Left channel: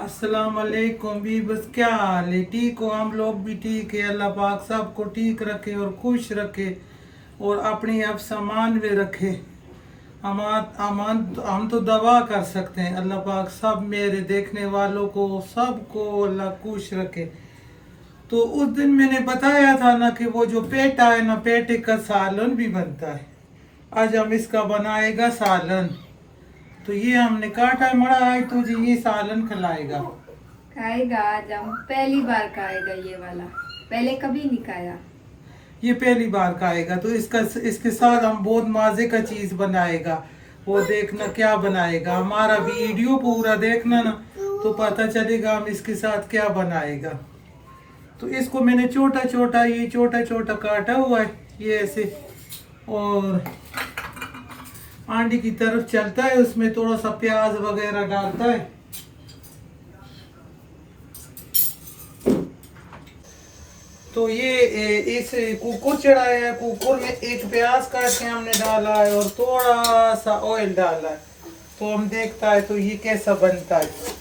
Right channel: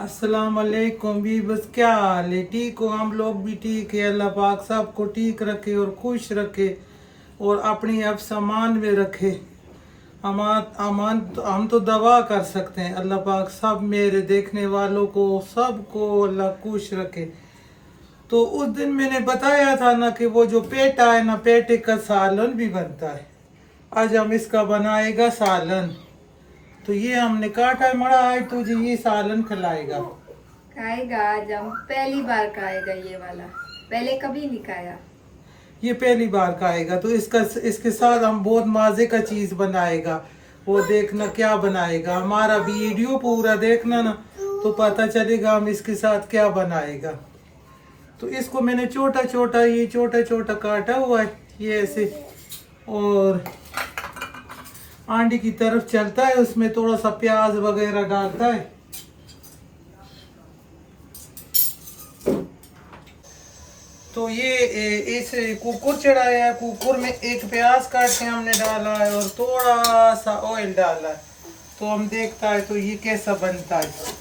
अस्सलाम वालेकुम भी बस क्या हाल है। ठीक हो? हम लोग भी ठीक है। अल्लाह पाक सबको ठीक रखे और खुश रखे और अपनी अब सामान में रखे। हम तो दवा कर सकते हैं। अल्लाह पाक सब मेरे देखने वालों को सबको अल्लाह खुश रखे। तो उस दिन मैंने बताया था ना कि वो जो पेटा है ना, पेटे का सालन भी बनता है। आज हम इसका बनाएगा सालन। तो ये हमने काटा मड़ा है, तुझे ये सालन खिलाएगा। खाएगा। आज हम पहली बार खाएगा ये वाला। पहले कभी नहीं खाया। ये पहली बार खाएगा तो इसके साथ हम बहुत मजे का चीज बनाएगा। वो देखना क्या बनाएगा, हमारा वीडियो पूरा देखना ना, तो पता चलेगा हम इसके साथ क्या बनाएगा। तो इसको मैंने छोटा छोटा काटा हुआ है ये ऐसे। और आंडी की तरफ चलता है, उसमें थोड़ा सा प्याज वगैरह डालता है। तो ये इस कुकर चढ़ाया है, कुकर में एक प्याज काट के हमने डाला है और थोड़ा सा ऑयल डाला है। तो हम देखता है तो ये कैसा बनता है।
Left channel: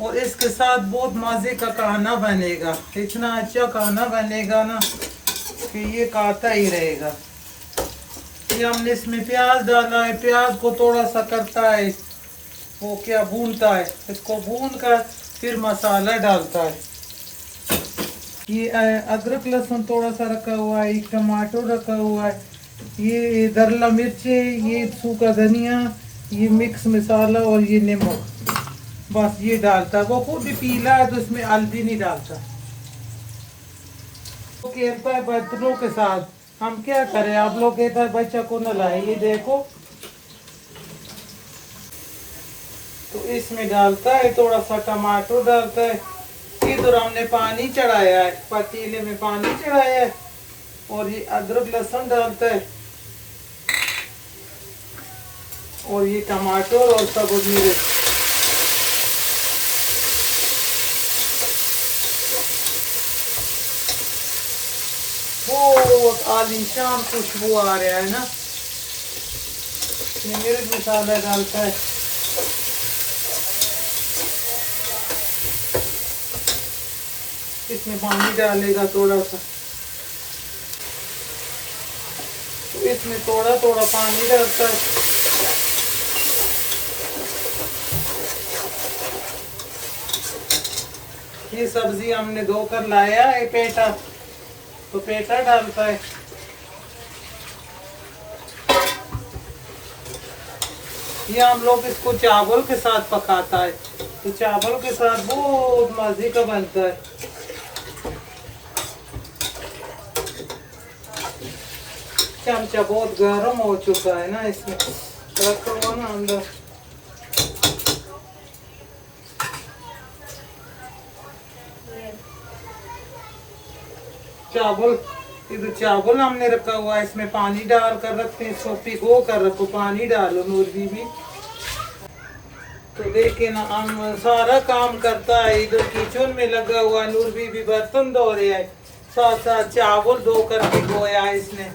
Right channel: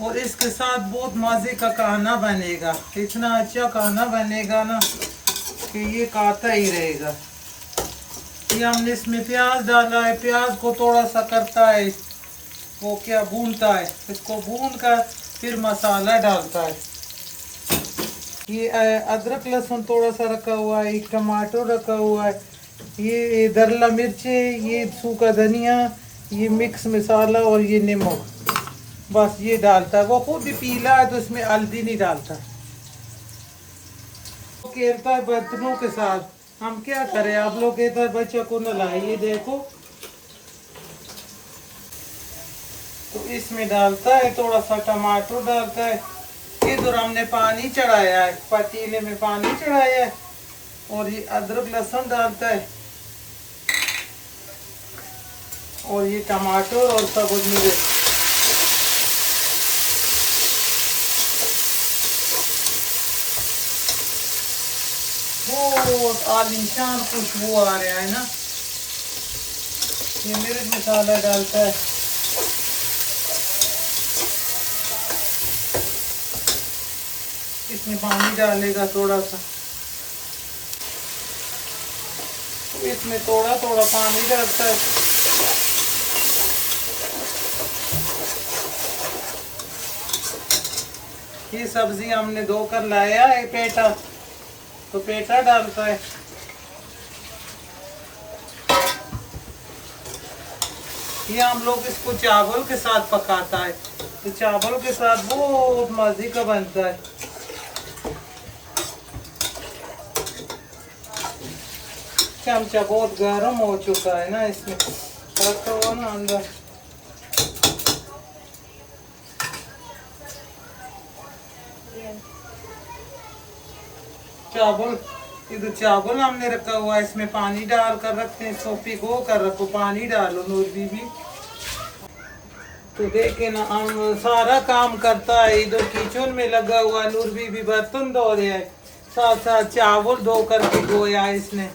और इसके साथ बहुत मजे का खाना बनेगा, इतना अच्छा खाना बनेगा ना कि ये खाता ही रहेगा। ये हमने इसमें प्याज डाला है, प्याज को थोड़ा सा करता है वो क्या भूनता है, इसको भून कर फिर मसाला डालता है। ये अदरक लहसुन थोड़ा सा रखा हुआ है, एक टमाटर रखा हुआ है, ये दरला मिर्च है, ये सूखा धनिया, ये मिक्स मसाला और ये नमक। बस ये डालता है। वो खुद भी पीला है तो इसमें हल्दी नहीं डालता। वो खेलता है बर्तनों के साथ, हम क्या करें। आप लोग कहता है बच्चा को न लाए। ये देखो, तो इसमें डालता है थोड़ा सा टमाटर डालता है। इधर हमने पानी चढ़ाया है, पतीले में पानी चढ़ाया है और ये अदरक लहसुन डालता है और ये टमाटर और सबूत मिर्च। बहुत आलीशान खुशबू आ रहा है ना। ये मिर्च मसाला डालता है। इसमें पानी डालेगा थोड़ा सा, इसमें थोड़ा थोड़ा पानी डालता है। ये सब्जी हमने धोकर लाया है पेटा, तो पेटा डालता है। ये हम लोग इसको चावल के साथ पकाता है, तो चावल के साथ बहुत मजे का बनता है। चमचा बहुत गर्म हो चुका है ना, इसमें रखा हुआ ना अंदर। चावल, इधर चावल हमने रखा हुआ है, इसमें पानी डाल कर रखते हैं। इसको भिगो कर रखो, पानी डालो नूर बीबी। तो देखे ना, हम सारा काम करता है। इधर किचन में लगा हुआ है, नूर बीबी बर्तन धो रहे है, साथ साथ चावल धोकर भिगोया है इसने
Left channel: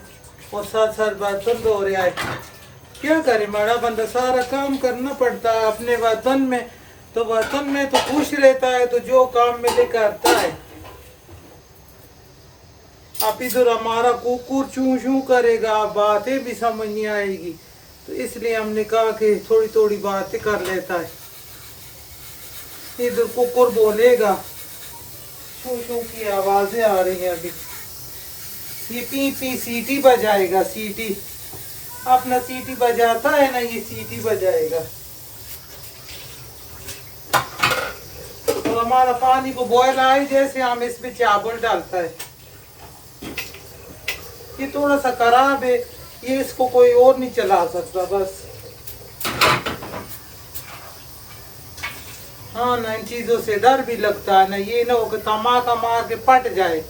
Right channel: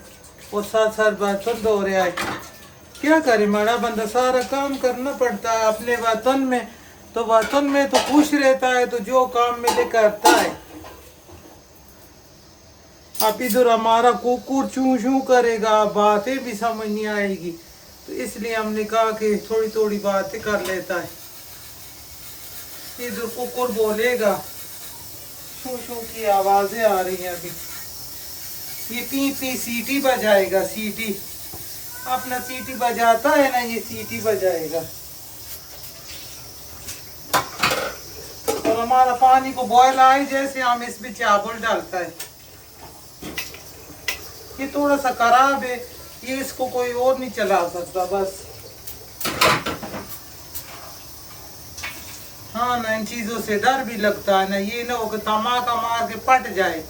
और साथ साथ बर्तन धो रहा है। क्या करे, बड़ा बंदा सारा काम करना पड़ता है अपने वतन में। तो वतन में तो खुश रहता है, तो जो काम मिले करता है। अब इधर हमारा कुकुर चू चू करेगा, बातें भी समझ नहीं आएगी, तो इसलिए हमने कहा कि थोड़ी थोड़ी बातें कर लेता है। इधर कुकुर बोलेगा, चू चू की आवाजें आ रही हैं अभी। ये पी पी सीटी बजाएगा, सीटी अपना सीटी बजाता है ना, ये सीटी बजाएगा। और हमारा पानी को बॉयल आए जैसे हम इसमें चावल डालता है। ये थोड़ा सा खराब है, ये इसको कोई और नहीं चला सकता बस। हाँ ना, इन चीजों से डर भी लगता है ना, ये ना हो कि धमाका मार के फट जाए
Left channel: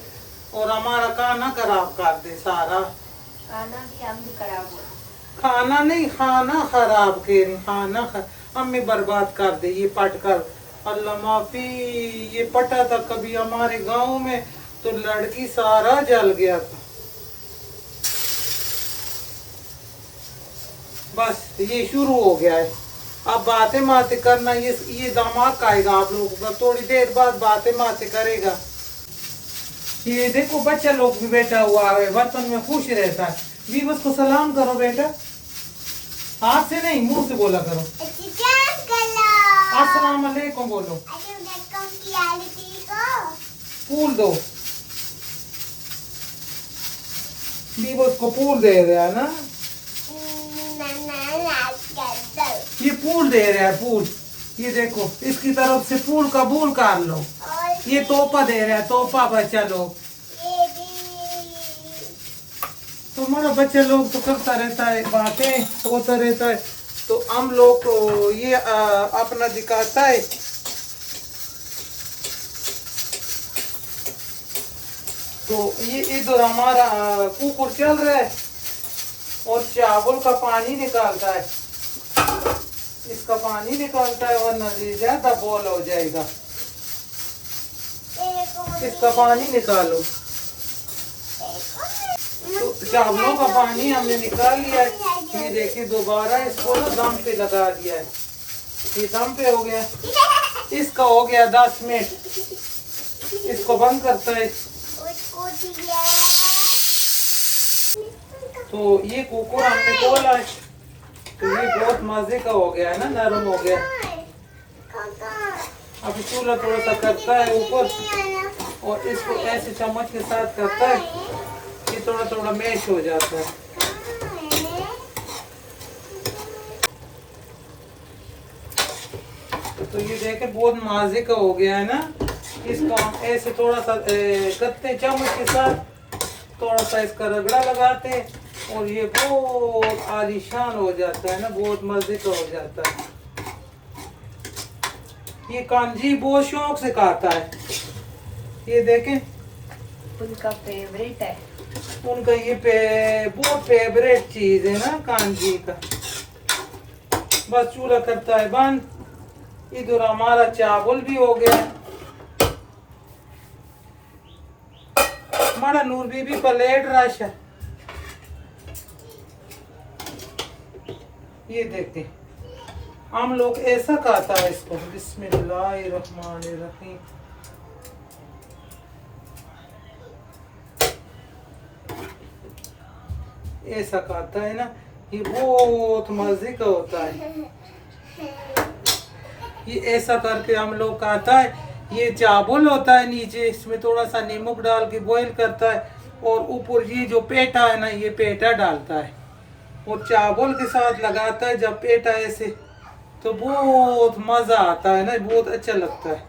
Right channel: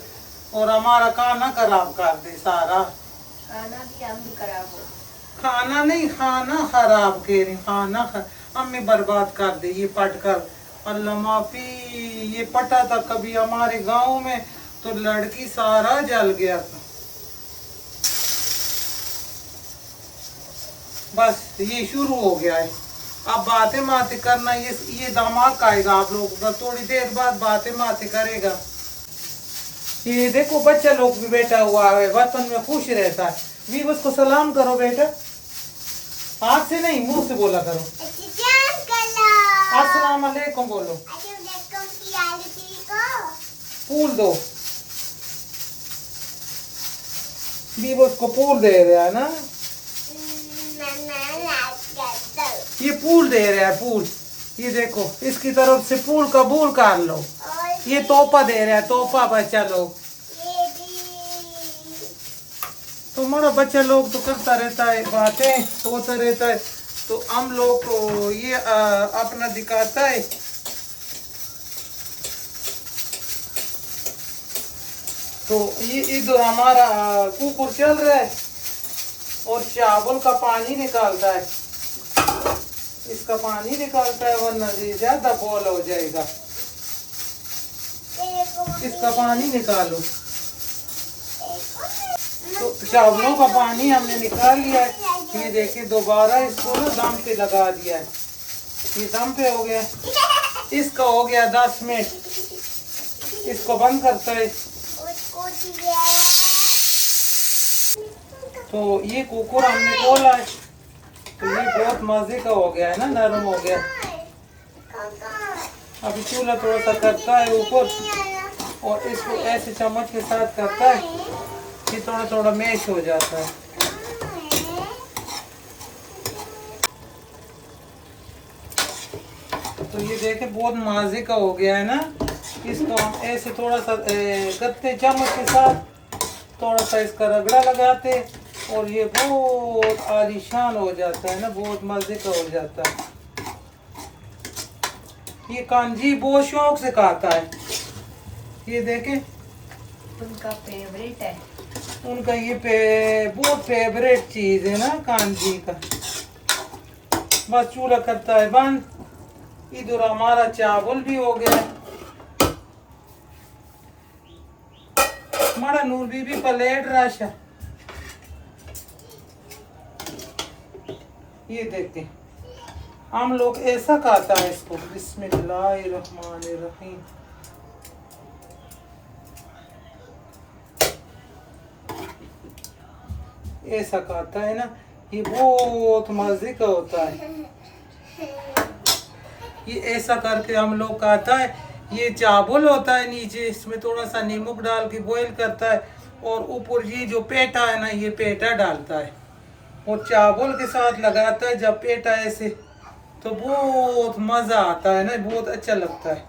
और हमारा खाना खराब कर दे सारा। खाना भी हम भी खराब हो। खाना नहीं, खाना खराब करे, खाना हमें बर्बाद कर दे ये पट कर। अल्लाह माफी। ये पटा था कभी हमारे गांव में, तो लड़की सारा जल गया था। बस ये शुरू हो गया है। अब बातें बातें करना, ये दिमाग खाएगा आप लोगों का, थोड़ी देर बाद बातें बातें करेगा। ये देखो बच्चा लोग भी बैठा हुआ है, बचपन में खुश रहता है। भी उसको सलाम करो बेटा, हाथ से नहीं मुंह से बोला करो। अस्सलाम वालेकुम बोलो। फूल दो, भी उसको फूल दे रहा है ना, ये फूल दे रहा है फूल। ये देखो इसकी तरफ से फूल का कबूल कर लो। ये तोहफा दे रहा है, तोहफा बच्चा लोग। तो हमारा बच्चा लोग तो करता रहता है बातें, सोता रहता है, तो हम लोग को ये अपना दिखाता है। तो ये इधर हमारा कुकुर चल रहा है और चावल का पानी निकालता है, इसका पानी निकालता है, वरना ये ज्यादा बॉल हो जाएगा। इसका पानी निकालो। तो चावलों का पानी हमने निकाल लिया है। ये देखिए दोबारा इसको ना दम पे लगा दिया है, ये दम पे हो गया। इसका हो गया 10 मिनट, इसको बंद करता है। तो ये कुकुर हमने खोला है, तो ये बहुत मजे का हो गया है ना, नरम हो गया। अभी चूल्हा थोड़ा सा करता है ऊपर और इसको ऐसे चम्मच के साथ करता है, ये थोड़ा थोड़ा मैश हो जाता है। तो ये देखे बहुत मजे का हो गया है ना। इसको हम ऐसे थोड़ा सा गत्ते चम्मच के साथ थोड़ा सा इसका रगड़ा लगाते और ये बहुत आलीशान हो जाता है ना, बहुत मजे का हो जाता है। ये कांजी बहुत शौक से खाता है, ये देखें उनका फेवरेट है, उनका ये बहुत फेवरेट चीज है ना कांजी का। बस चूल्हा करता है बंद। इधर हमारा चावल भी हो गया। हमारा नूर बीबी का लेट रश है। ये देखते हम लोग ऐसा खाता है इसको। बिस्मिल्लाहिर्रहमानिर्रहीम। ऐसा खाता है ना, ये बहुत मजे का होता है। ये ऐसा करके हम लोग खाता है। ये चावल होता है नीचे, इसमें थोड़ा सा नमक डाल के बॉईल करता है और ऊपर ये जो पेटा है ना, ये पेटा डालता है और चावल के साथ लगाता है। जब पेटा ऐसे तो बहुत मजा आता है ना, बहुत अच्छा लगता है।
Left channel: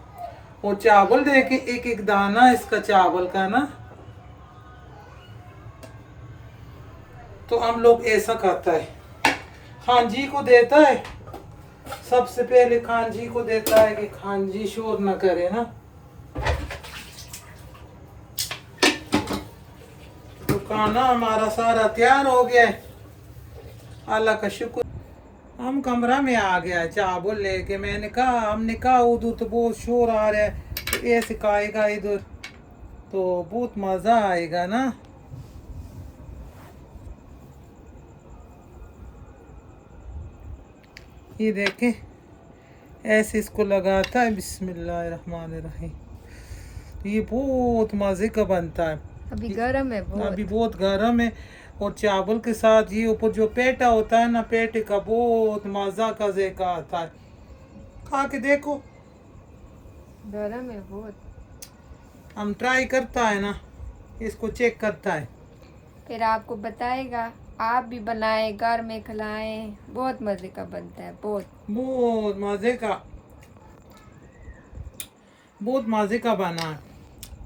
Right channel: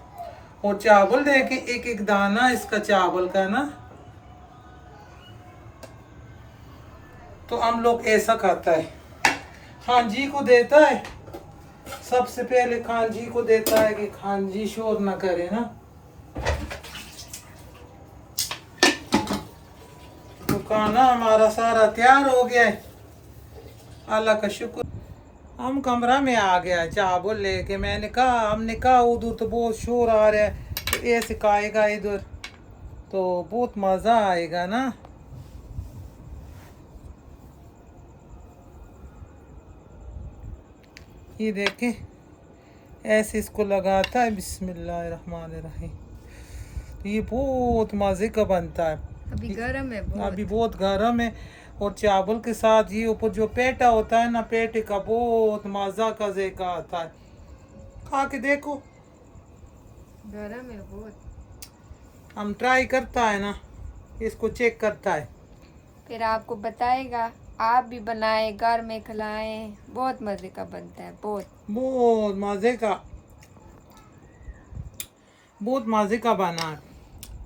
और चावल देखे एक एक दाना इसका चावल का ना, तो हम लोग ऐसा खाता है। खान जी को देता है, सबसे पहले खान जी को देता है कि खान जी शोर न करे ना। तो खाना हमारा सारा तैयार हो गया है, अल्लाह का शुक्र। हम कमरा में आ गया चावल लेके। मैंने कहा, हमने कहा उधर तो बहुत शोर आ रहा है, तो ऐसे खाएगा इधर तो बहुत मजा आएगा ना। ये देखें ऐसे इसको लगाता है। बिस्मिल्लाहिर्रहमानिर्रहीम। ये बहुत मजे का बनता है। अभी गर्म है बहुत। अभी बहुत गर्म है और चावल के साथ ये ऊपर जो पेटा होता है ना, पेटे का बहुत मजा का ज़ायका आता है। खा के देखो, गर्म है बहुत। हम ट्राई करता है ना, इसको चेक करता है, फिर आपको बताएगा। आप भी बनाएं, घर में खिलाएं, बहुत मजे का बनता है, बहुत मजे का, बहुत मजे का बना।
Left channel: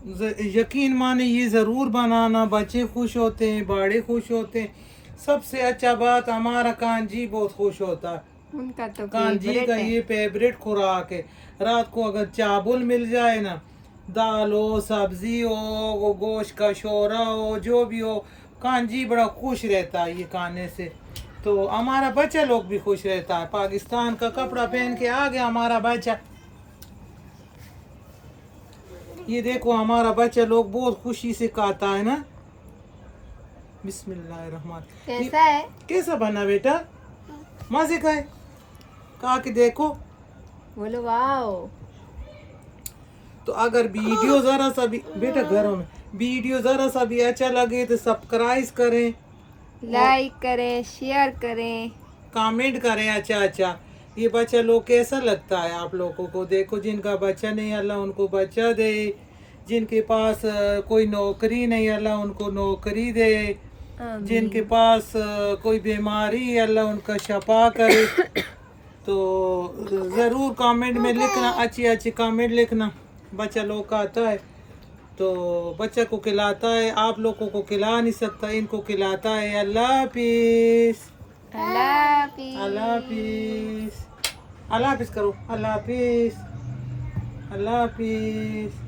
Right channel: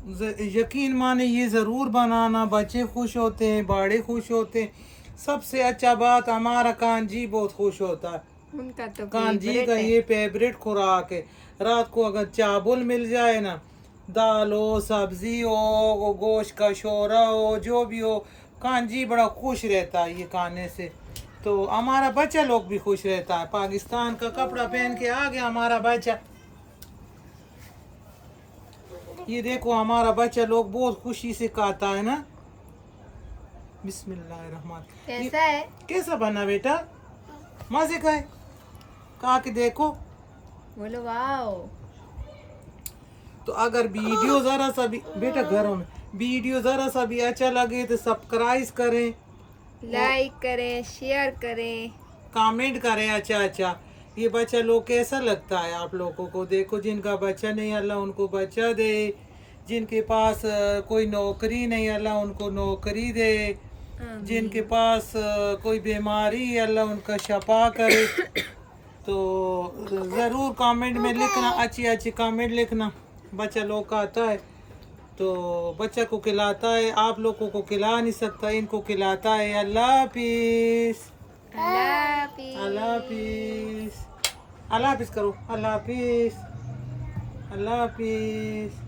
यकीन माने ये ज़रूर बनाना, बच्चे खुश होते हैं, बड़े खुश होते हैं। सबसे अच्छा बात हमारा कांजी बहुत खुश होता है। उनका तो कांजी फेवरेट का है। ये फेवरेट खुराक है। रात को अगर चावल मिल जाए ना, दाल हो, सब्जी हो, गोश्त का शोरा हो, जो भी हो, कांजी बड़ा खुश रहता है ये खाने से। तो हमारा बच्चा लोग भी खुश रहता है। पाकिस्तान का कपड़ा पहन के आ गया हमारा बच्चा। ये देखो हमारा बच्चा लोग बहुत खुशी से खाता है ना। बिस्मिल्लाहिर्रहमान। कैसा है? कैसा बना बेटा? मजे का है। कहा कि देखो। बोलो वाओ। तो अगर वीडियो जरा सा भी बेटा घरों में वीडियो जरा सा भी अच्छा लगे तो सब्सक्राइब करें, लाइक करें, शेयर करें। कमेंट करें। अच्छा अच्छा, ये बच्चा लोग कैसा लगता है आप लोगों को? देखो जिनका बच्चा नहीं, अल्लाह उनको बच्चा दे। जिनके पास कोई नौकरी नहीं, अल्लाह उनको नौकरी दे। जिनके पास कोई बीमारी, अल्लाह उनका शफा करे। तो ज़रूर कमेंट में लिखना, अच्छी अच्छी कमेंट लिखना। बच्चा लोग का आता है तो बच्चा को खिलाता है, आप लोगों को खिला नहीं सकता, इनको खिलाता है। अल्लाह हाफिज़। अल्लाह हाफिज़। अल्लाह हाफिज़। अल्लाह हाफिज़ करो। अल्लाह हाफिज़। अल्लाह हाफिज़।